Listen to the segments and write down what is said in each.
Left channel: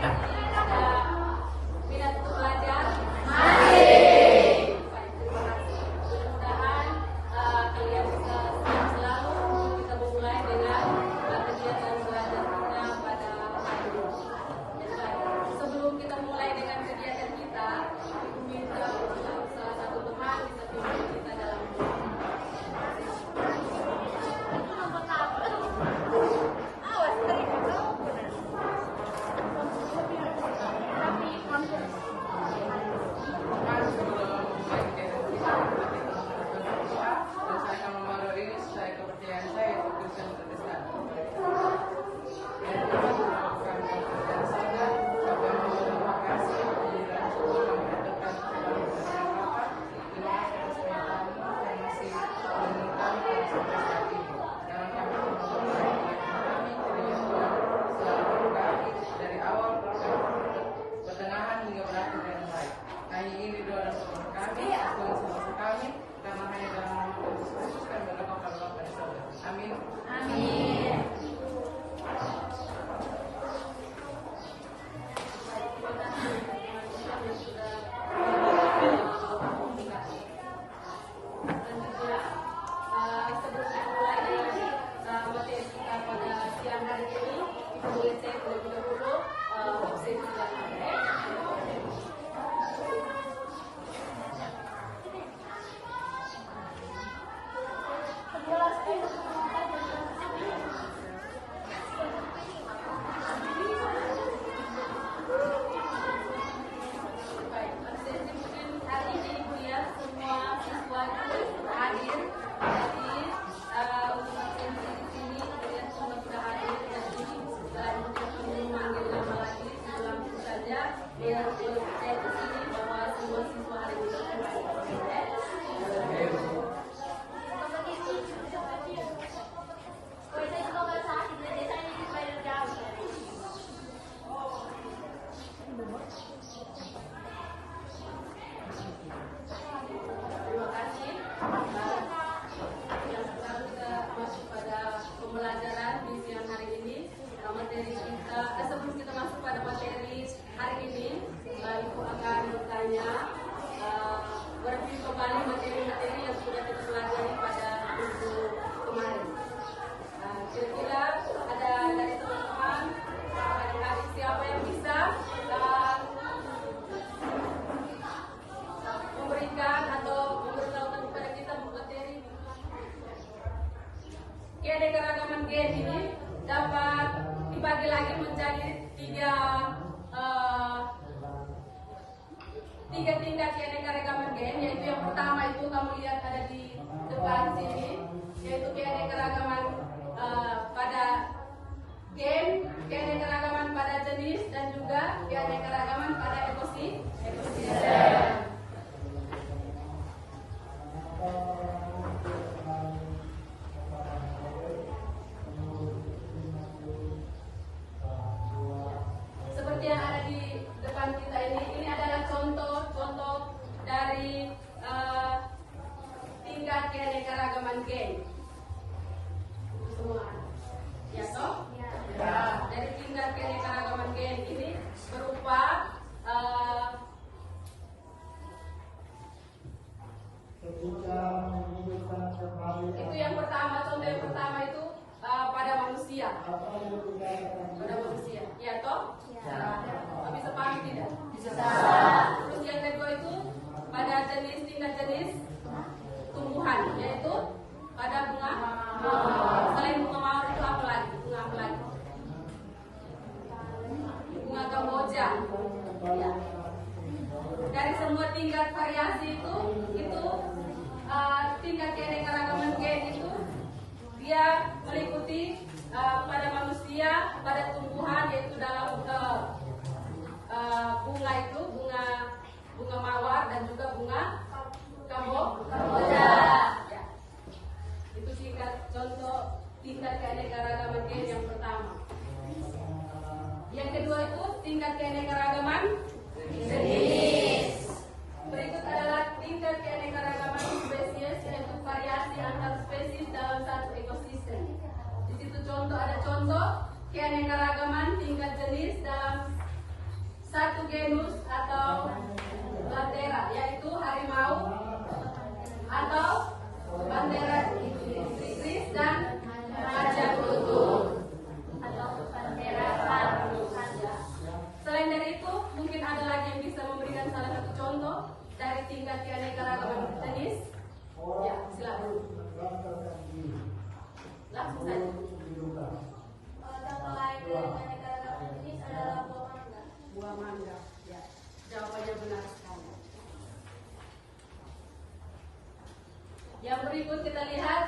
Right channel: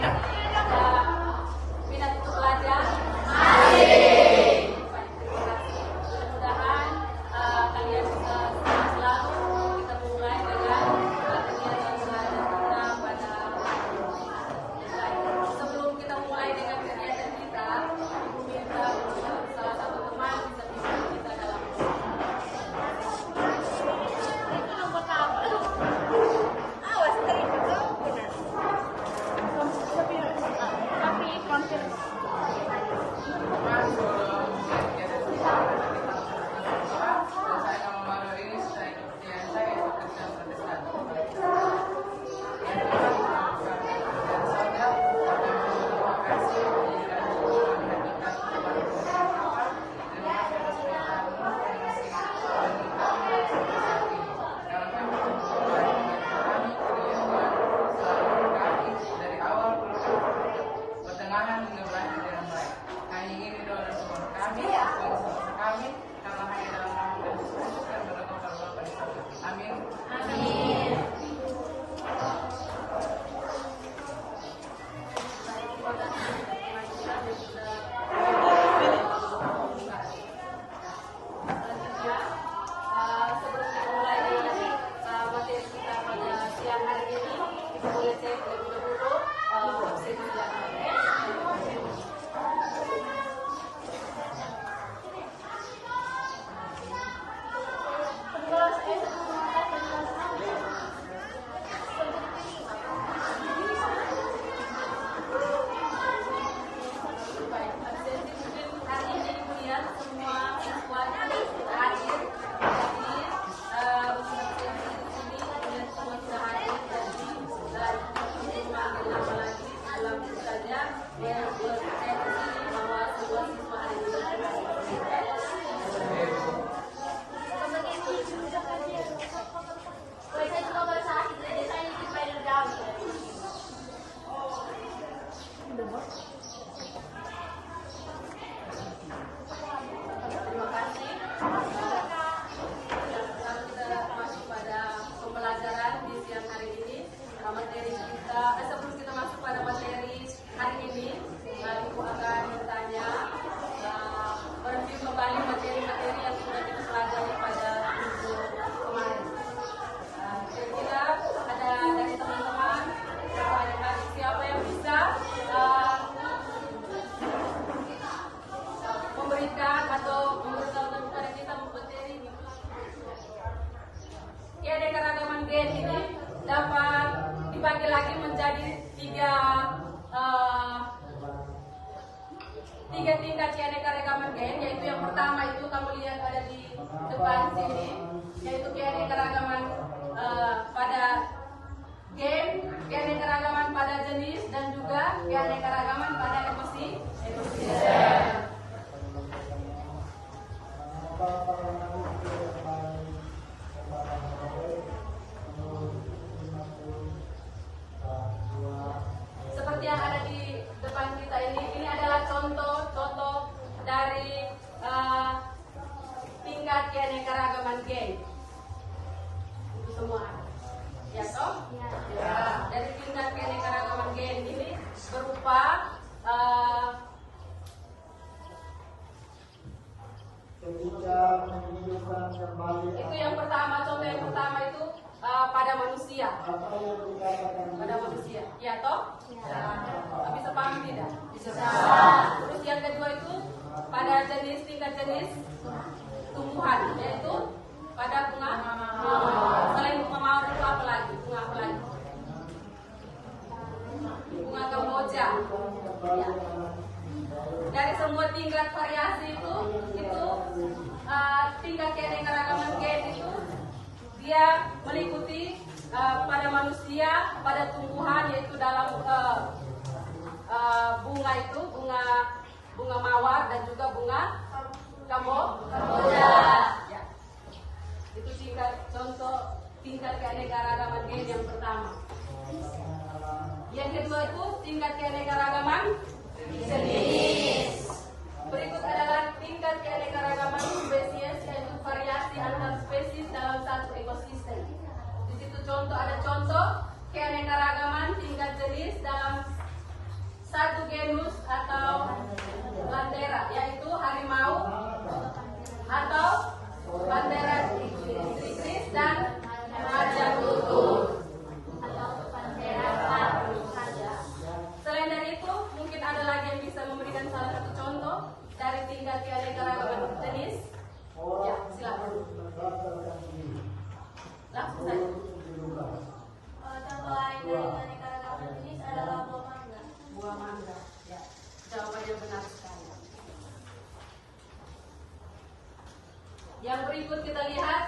Minat untuk belajar? Masih. Mudah-mudahan kalian bisa selalu kita memulai dengan kegiatan belajar kita pada hari ini. Sebelum kita mulai dengan kegiatan kita, Ibu minta untuk salah satu teman bisa pimpin kita dalam karena hanya dalam nama Tuhan Yesus dan berdoa kepada Allah pada saat itu. Amin. Amin. Sebelum kita mulai dengan materi kita pada siang hari ini, kita boleh cek terlebih dahulu website yang ada. Terima kasih. Yang pertama kita masuk pada pembelajaran di siang hari ini. Materi kita, sebelum kita masuk pada materi hari ini, Ibu akan bertanya, berarti kembali materi-materi yang sudah kita pelajari pada minggu kemarin. Kira-kira ada dari teman-teman, adik-adik siapa yang bisa memberikan atau memberitahukan kepada kita materi keanekaragaman gen ini dapat dibagi lagi menjadi tiga tingkat keanekaragaman gen, yaitu yang pertama itu kamu lihat ada di depan sini, yaitu keanekaragaman pada gen, keanekaragaman pada jenis, dan juga keanekaragaman pada ekosistem. Seperti yang ada di depan kita ini adalah contoh dari tingkat keanekaragaman gen. Semua, ya toh? Ya. Dari tingkat keanekaragaman gen ini berupa itu yang pertama, contoh yang pertama itu pada manusia. Pada manusia, ya toh? Ya. Bisa paham tidak? Bisa. Terus yang kedua itu pada tingkat jenis tumbuhan, yaitu pada bunga mawar. Selain bunga mawar itu apa lagi? Bunga apa lagi? Bunga kamboja. Ya. Dari semua tingkat variasi itu tingkat keanekaragaman gen itu dia meliputi pada manusia, pada tumbuhan, yaitu dalam bunga itu bunga mawar dan juga bunga kamboja. Ya. Itu contoh tingkat keanekaragaman gen yang pertama. Yang kedua itu tingkat keanekaragaman jenis. Berikut adalah tingkat keanekaragaman spesies, yaitu variasi antar spesies dalam satu ekosistem. Di situ ada contoh keanekaragaman tingkat jenis dalam satu genus atau Panthera, yaitu harimau atau Panthera ignis dan raja kutub atau Panthera raja. Selain dari itu, mungkin ada lagi yang bisa memberikan salah satu contoh dari tingkat keanekaragaman jenis. Ya, silakan. Langsung saja. Contoh lain dari keanekaragaman jenis adalah buah mangga. Buah mangga. Ya, jawabannya benar sekali. Yang berikut kita lihat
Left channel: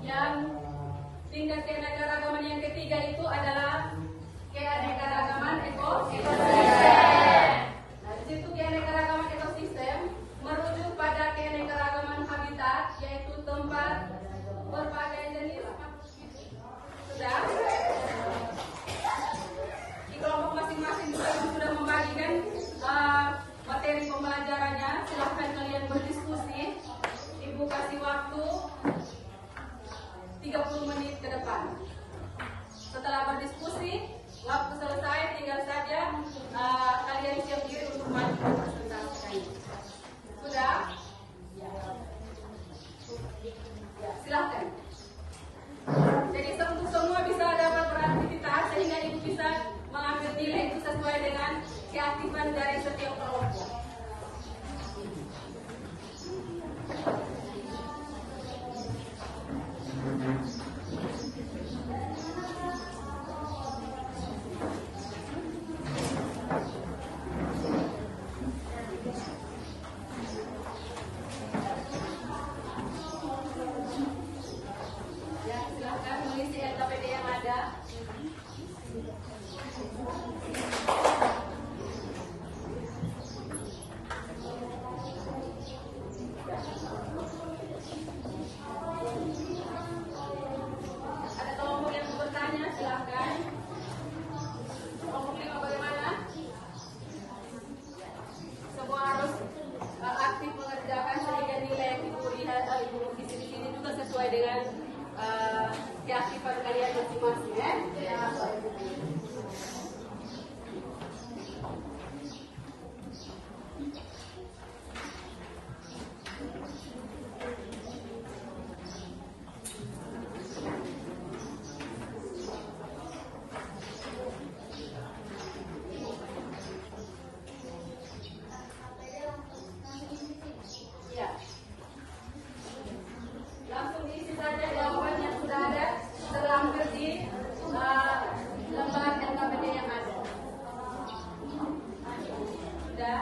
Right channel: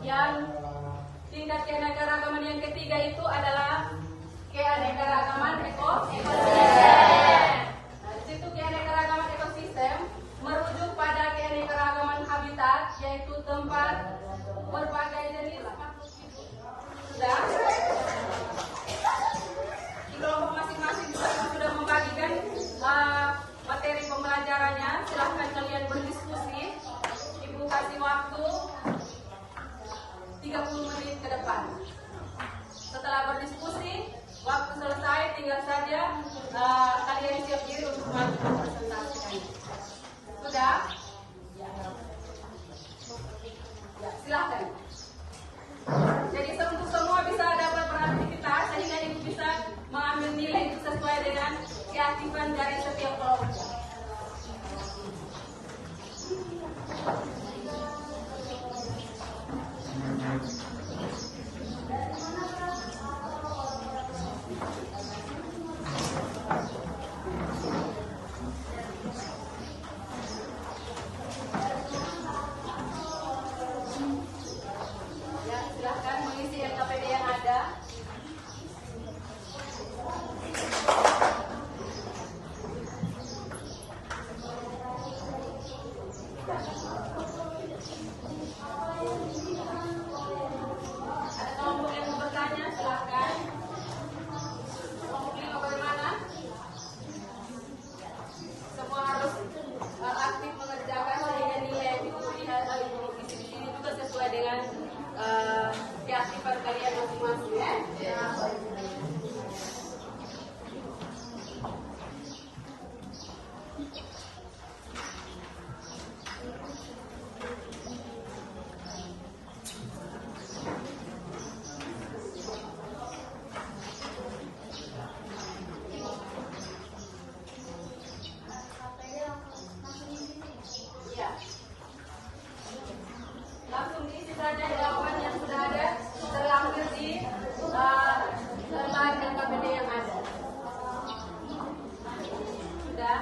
yang tingkat keanekaragaman yang ketiga itu adalah keanekaragaman ekosistem. Nah, di situ keanekaragaman ekosistem merujuk pada keanekaragaman habitat, yaitu tempat berbagai jenis makhluk hidup. Sudah? Di kelompok masing-masing sudah membagikan materi pembelajarannya. Silahkan kalian berdiskusi. Ibu kasih waktu 30 menit ke depan. Setelah berdiskusi, waktu selesai, tinggal saja kalian siap diri untuk maju presentasikan. Sudah? Ya, silahkan. Jadi untuk semua bisa dapat beraktivitas sehingga ibu bisa mengambil nilai itu sesuai dengan keaktifan dari setiap kelompok. Ya, silahkan mengisi LKPD yang ada. Ada kelompok yang mau bertanya, silahkan. Kelompok ini bagaimana? Semua harus aktif mengerjakan sehingga nilai yang dilihat ibu di sini juga sesuai dengan keaktifan kalian masing-masing, ya. Ya. Langsung diisi saja jawaban yang sudah ada terlampir di lembar LKPD yang ada. Sudah.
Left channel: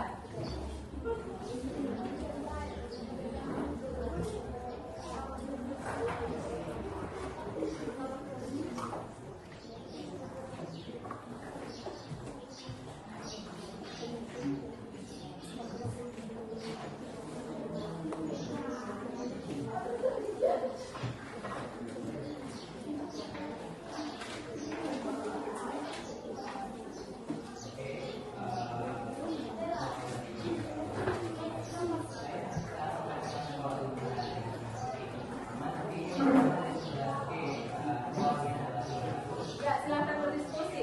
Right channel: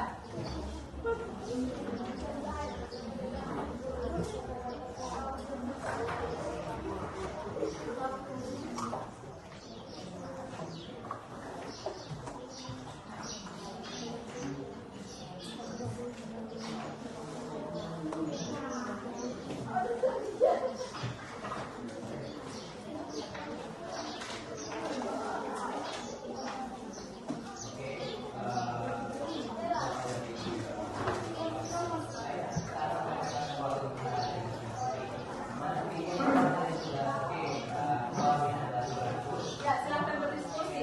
Ya, silakan berdiskusi.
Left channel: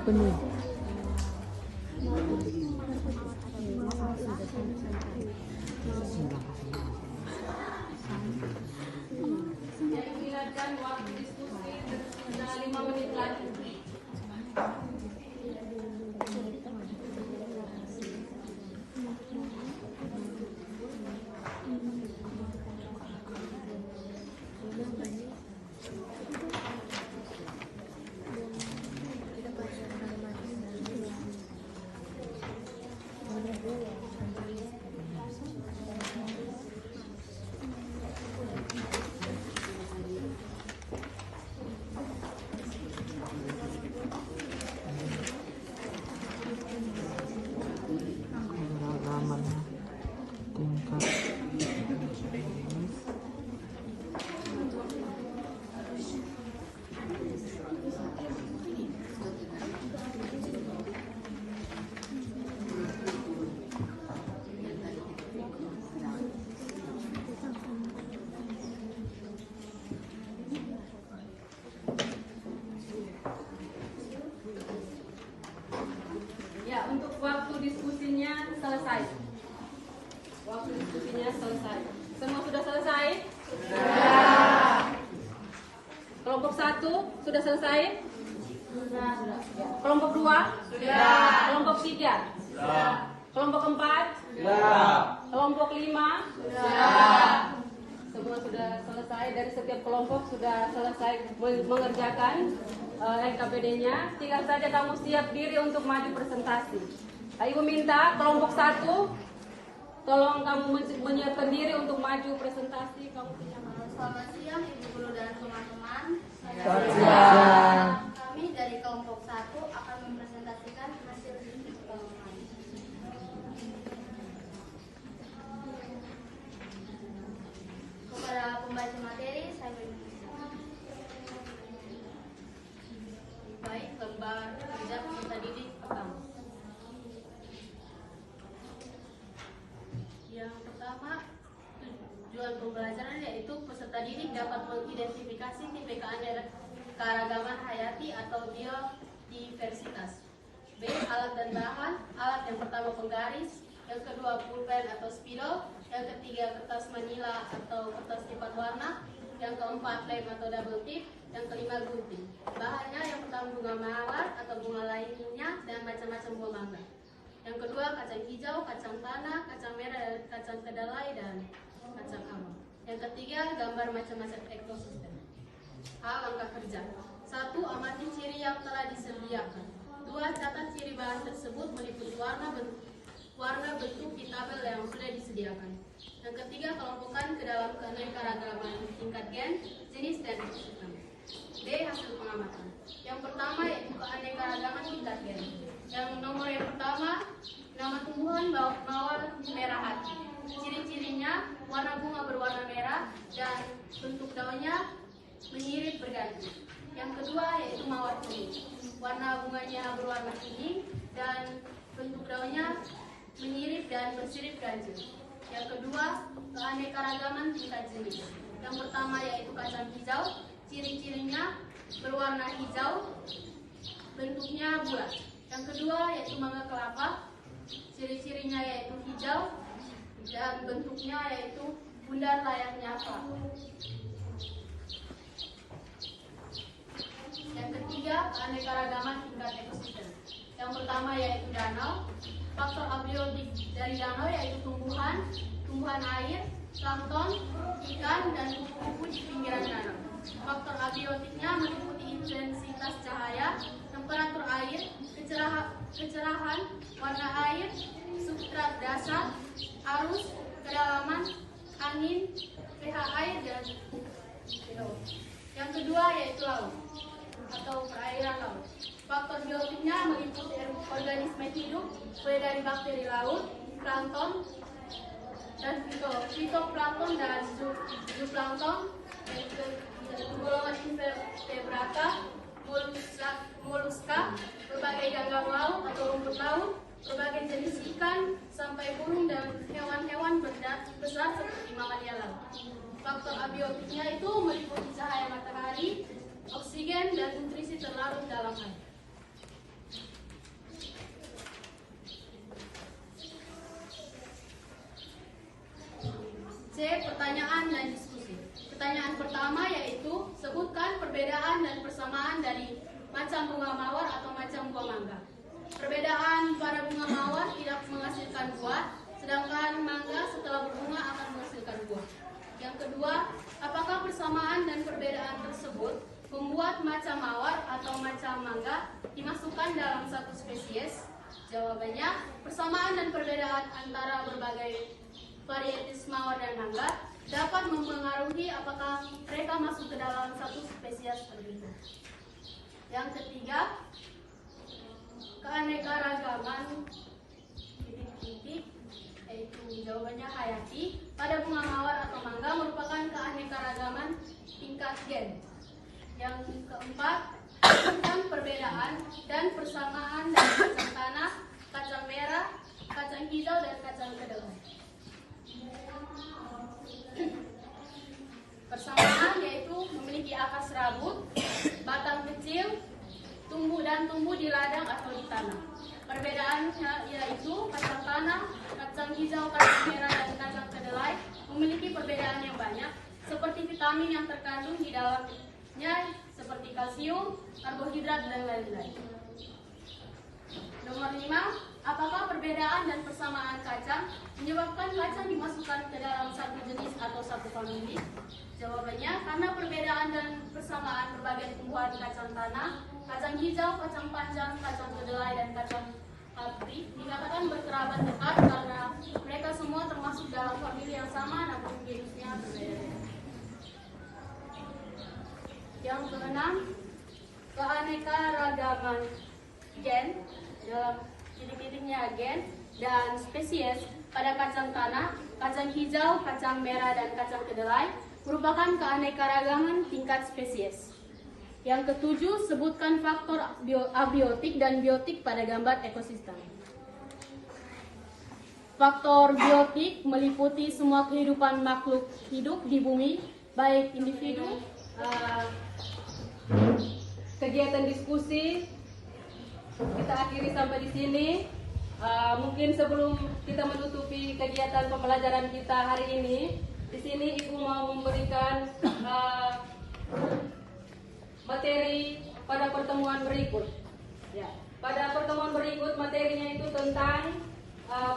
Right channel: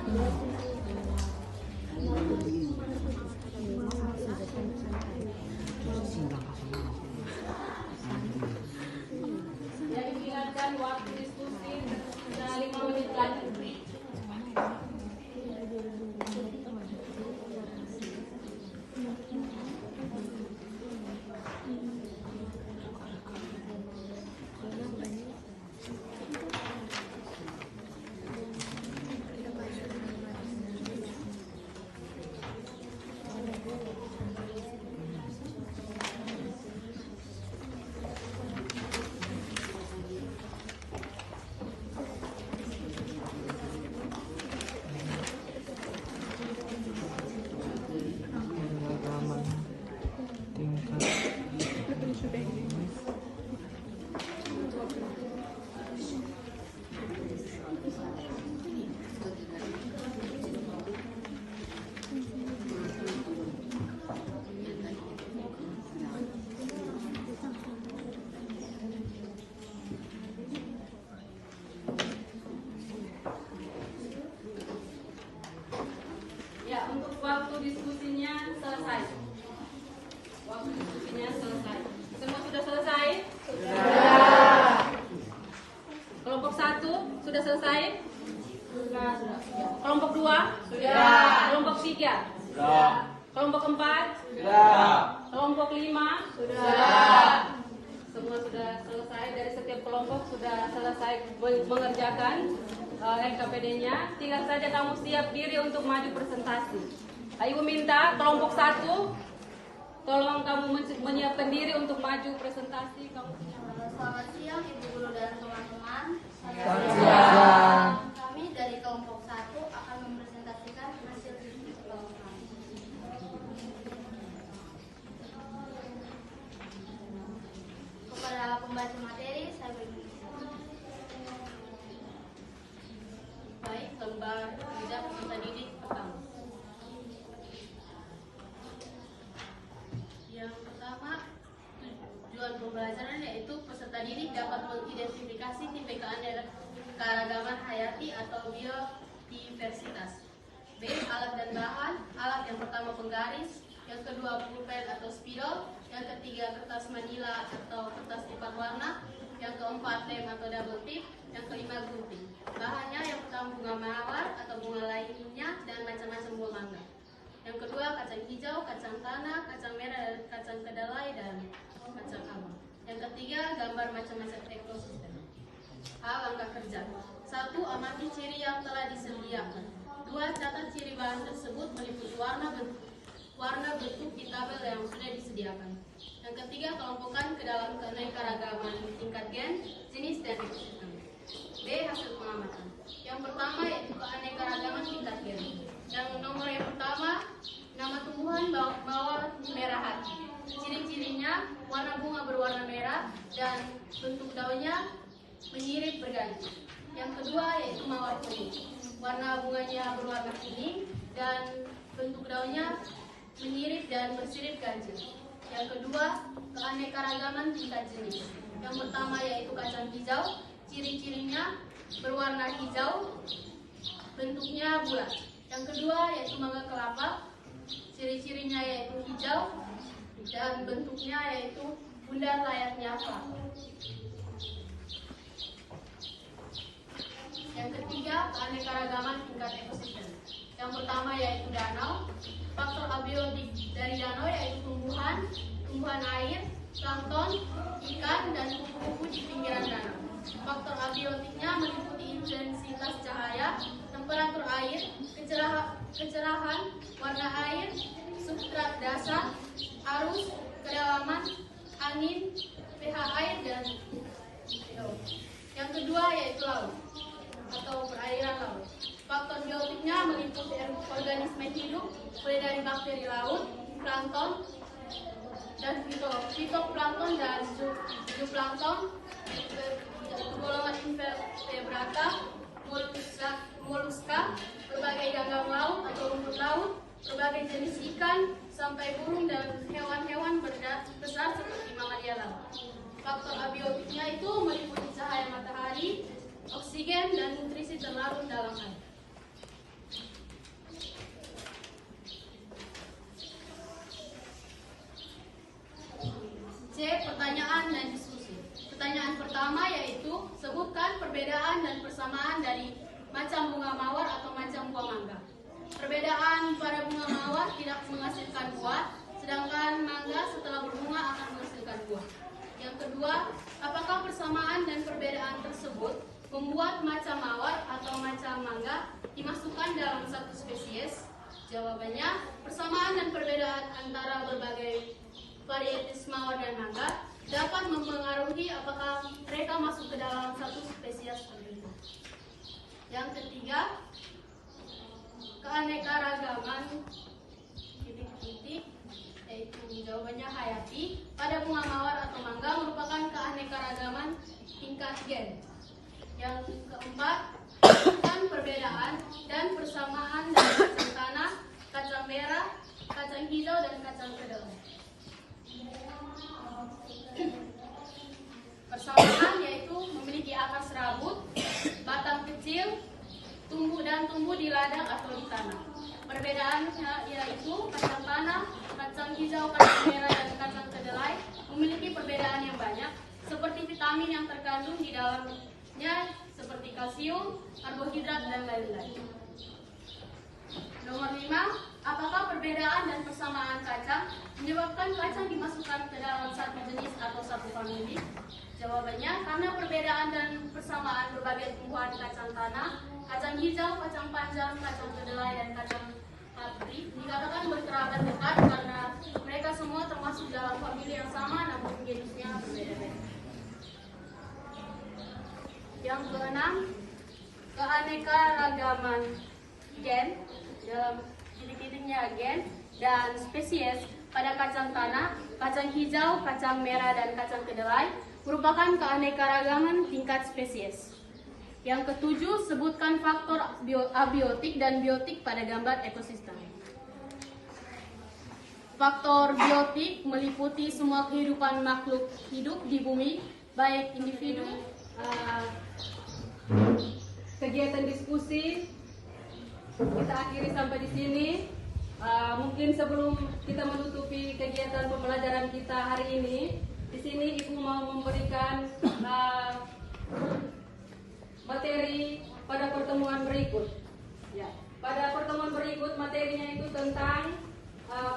Yang diingatkan waktu diskusi 5 menit lagi. Pengalaman tingkat Ya, untuk waktu diskusinya selesai. Waktu diskusinya selesai. Semua sudah selesai? Sudah. Kelompok 1 sudah selesai? Sudah. Kelompok 2? Sudah. Kelompok 3? Sudah. Kelompok 4? sudah. Kelompok 5? Sudah. Semua sudah selesai, dari setiap kelompok sudah selesai mengerjakan LKPD-nya. Tinggal saja kamu siap diri untuk maju presentasi. Ibu minta kelompok 1, tolong kamu menyiapkan diri untuk maju presentasi. Kamu punya Selamat siang Ibu Guru dan teman-teman. Selamat siang. Kami dari kelompok 1 akan mempresentasikan hasil diskusi kelompok kami. Kepada pembaca materi, saya beri. baik lembar kerja peserta didik pertama. Yang pertama, tujuan pembelajaran yaitu peserta didik dapat mengidentifikasi tipe keanekaragaman hayati atau biodiversitas. B. Alat dan bahan. Alat yang pertama penggaris, yang kedua pulpen atau spidol, yang ketiga kertas manila atau kertas lipat warna, yang keempat lem atau double tip, yang kelima gunting. Bahannya yang pertama bunga mawar atau bunga lainnya dan macam-macam buah mangga. Yang kedua kacang hijau, kacang tanah, kacang merah, kacang kedelai dan kacang almond. Yang ketiga gambar macam-macam ekosistem. A. Langkah kerja. 1. Amati ciri yang telah disediakan. 2. Catat ciri bahan tersebut meliputi warna bentuk di tabel yang sudah disediakan. Yang ketiga, kelompokkan ke dalam keanekaragaman tingkat gen, jenis dan ekosistem. B. Hasil pengamatan. Yang pertama yaitu keanekaragaman tingkat gen. Yang nomor yang pertama, nama tumbuhan mawar merah hati. Ciri-cirinya warna bunga berwarna merah dan bentuk daunnya menyirip berganti. Yang kedua yaitu mawar kuning. Warna bunganya berwarna kuning dan bentuk daunnya menyirip dan bersirip ganjil. Yang kedua, keanekaragaman tingkat jenis. Yang pertama yaitu kacang hijau. Ciri-cirinya berwarna hijau, bentuknya bulat. Yang kedua yaitu mangga kelapa. Ciri-cirinya yaitu hijau dan bentuknya yaitu bundar layaknya apa. Yang ketiga, keanekaragaman tingkat ekosistem. Yang pertama yaitu danau. Faktor abiotik dari danau yaitu tumbuhan air, plankton, ikan, dan kupu-kupu di pinggiran danau. Faktor abiotiknya meliputi intensitas cahaya, temperatur air, kecerahan, warna air, substrat dasar, arus, kedalaman, angin, pH air, dan pH. Yang kedua yaitu laut atau perairan laut. Faktor biotiknya meliputi organisme hidup, mulai dari bakteri laut, plankton, dan fitoplankton dan zooplankton, golongan invertebrata, moluska, berbagai ganggang laut atau rumput laut, berbagai jenis ikan, sampai burung dan hewan-hewan besar seperti mamalia laut. Faktor abiotiknya itu meliputi cahaya matahari, oksigen, dan nutrisi terlarut dalam air. macam bunga mawar atau macam buah mangga. Perbedaan pada bunga mawar tidak menghasilkan buah, sedangkan mangga setelah berbunga akan menghasilkan buah. Yang kedua, apakah persamaan dan perbedaan tersebut membuat macam mawar atau macam mangga dimasukkan dalam satu spesies? Jawabannya, persamaan dan perbedaan antara berbagai varietas mawar dan mangga dapat mempengaruhi apakah mereka masuk ke dalam satu spesies tertentu. Yang ketiga, keanekaragaman titik-titik, yaitu jawabannya hayati, pada bunga mawar atau mangga merupakan keanekaragaman tingkat gen. Yang keempat, tentang perbedaan dan persamaan dari kacang tanah, kacang merah, kacang hijau, dan kacang kedelai. Persamaan yaitu memiliki akar serabut, batang kecil, tumbuh di ladang atau di tanah. Perbedaannya yaitu kacang tanah, kacang hijau, kacang merah, dan kacang kedelai memiliki perbedaan yang banyak, seperti vitamin yang terkandung di dalamnya, seperti kalsium, karbohidrat, dan lain-lain. Nomor 5, apakah perbedaan dan persamaan kacang menyebabkan kacang dimasukkan ke dalam satu jenis atau satu famili? Jawabannya, karena perbedaan dan persamaan berbagai tumbuhan kacang tanah, kacang hijau, kacang panjang, kacang kedelai, dan kacang kapri dikatakan berkerabat dekat karena mereka semua termasuk dalam famili yang sama namun jenisnya berbeda-beda. Yang keenam, keanekaragaman gen dalam titik-titiknya gen dan spesies pada kacang tanah, kacang hijau, kacang merah, dan kacang kedelai merupakan keanekaragaman tingkat spesies. Yang ketujuh, sebutkan faktor abiotik dan biotik pada gambar ekosistem. Faktor biotik meliputi semua kehidupan makhluk hidup di bumi, baik individu, kegiatan diskusi kita akhiri sampai di sini. Mungkin sebelum kita menutupi kegiatan pembelajaran kita hari ini, di sini Ibu mau memberikan materi pada pertemuan berikut. Ya, pada pertemuan berikut materinya itu tentang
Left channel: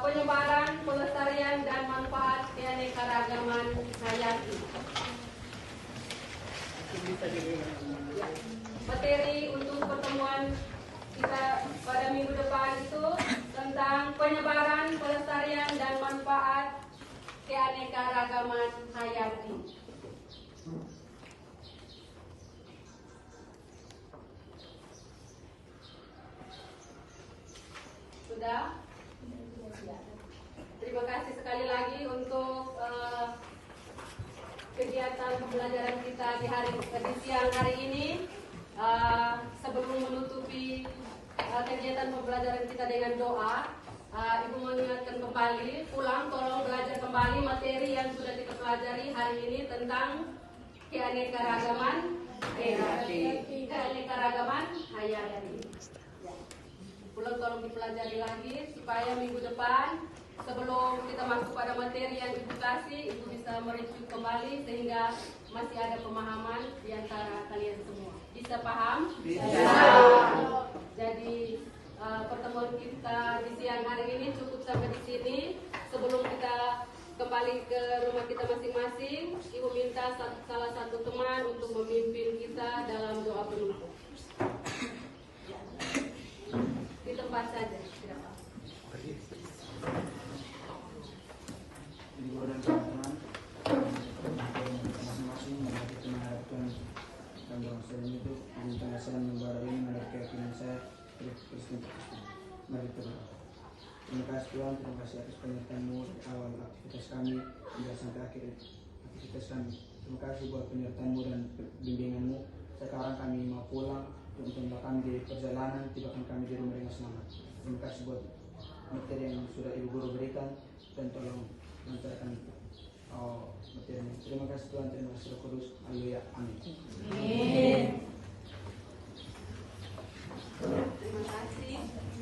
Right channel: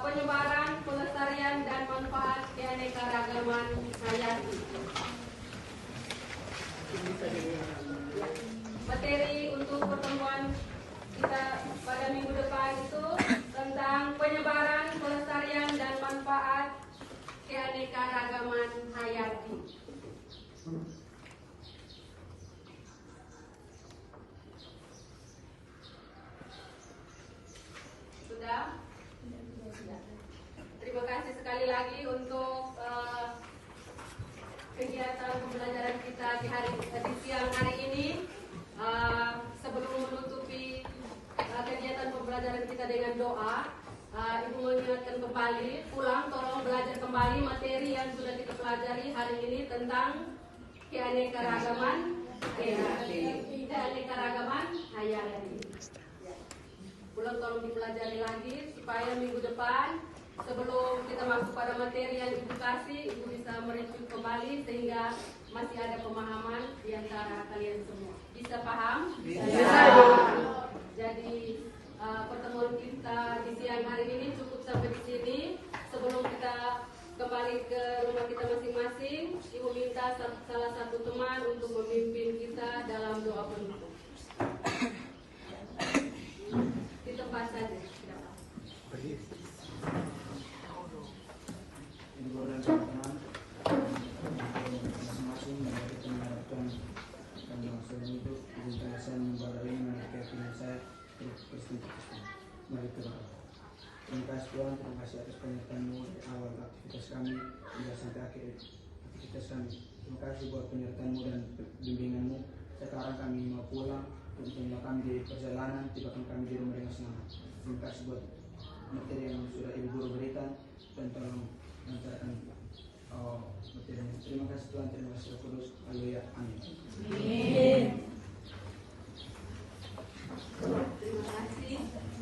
penyebaran, pelestarian, dan manfaat keanekaragaman hayati. Ya, materi untuk pertemuan kita pada minggu depan itu tentang penyebaran, pelestarian, dan manfaat keanekaragaman hayati. Sudah? Ya. Terima kasih sekali lagi untuk kegiatan pembelajaran kita di siang hari ini. Sebelum menutupi kegiatan pembelajaran kita dengan doa, Ibu mengingatkan kembali, pulang tolong belajar kembali materi yang sudah kita pelajari hari ini tentang keanekaragaman hayati. Ya. Pulang tolong dipelajari lagi supaya minggu depan sebelum kita masuk pada materi yang Ibu kasih, Ibu bisa mereview kembali sehingga masih ada pemahaman di antara kalian semua. Bisa paham? Bisa. Jadi pertemuan kita di siang hari ini cukup sampai di sini. Sebelum kita kembali ke rumah kita masing-masing, Ibu minta salah satu teman untuk memimpin kita dalam doa penutup. Di tempat saja. Masing-masing menghadapi mengharapkan panjang usaha hidup di penjelasan membara ini menurut keyakinan saya Kristen. Mari kita berdoa. Terima kasih Tuhan, terima kasih atas penyertaan-Mu dari awal aktivitas kami hingga sampai akhir aktivitas kami. Terima kasih buat penyertaan-Mu dan bimbingan-Mu. Sekarang kami mau pulang, tentunya kami di perjalanan, tibakan kami di rumah dengan semangat. Terima kasih buat materi yang sudah Ibu Guru berikan dan tolong lancarkan materinya. Terima kasih Tuhan, terima kasih Roh Kudus. Haleluya. Amin. Terima kasih.